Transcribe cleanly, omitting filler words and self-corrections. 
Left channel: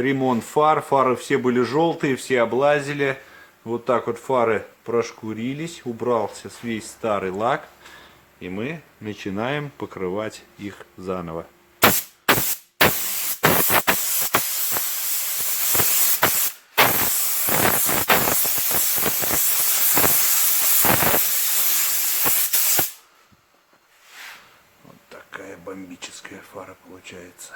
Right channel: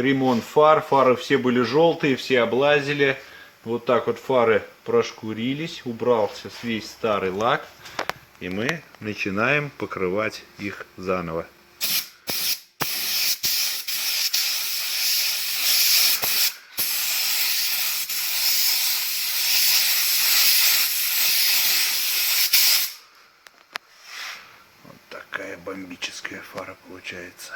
ремонт фар. Фары все были желтые, все облазили. Вот так вот фары прошкурились, убрался весь старый лак. И мы начинаем покрывать их заново. Вот такая бомбическая фара получается.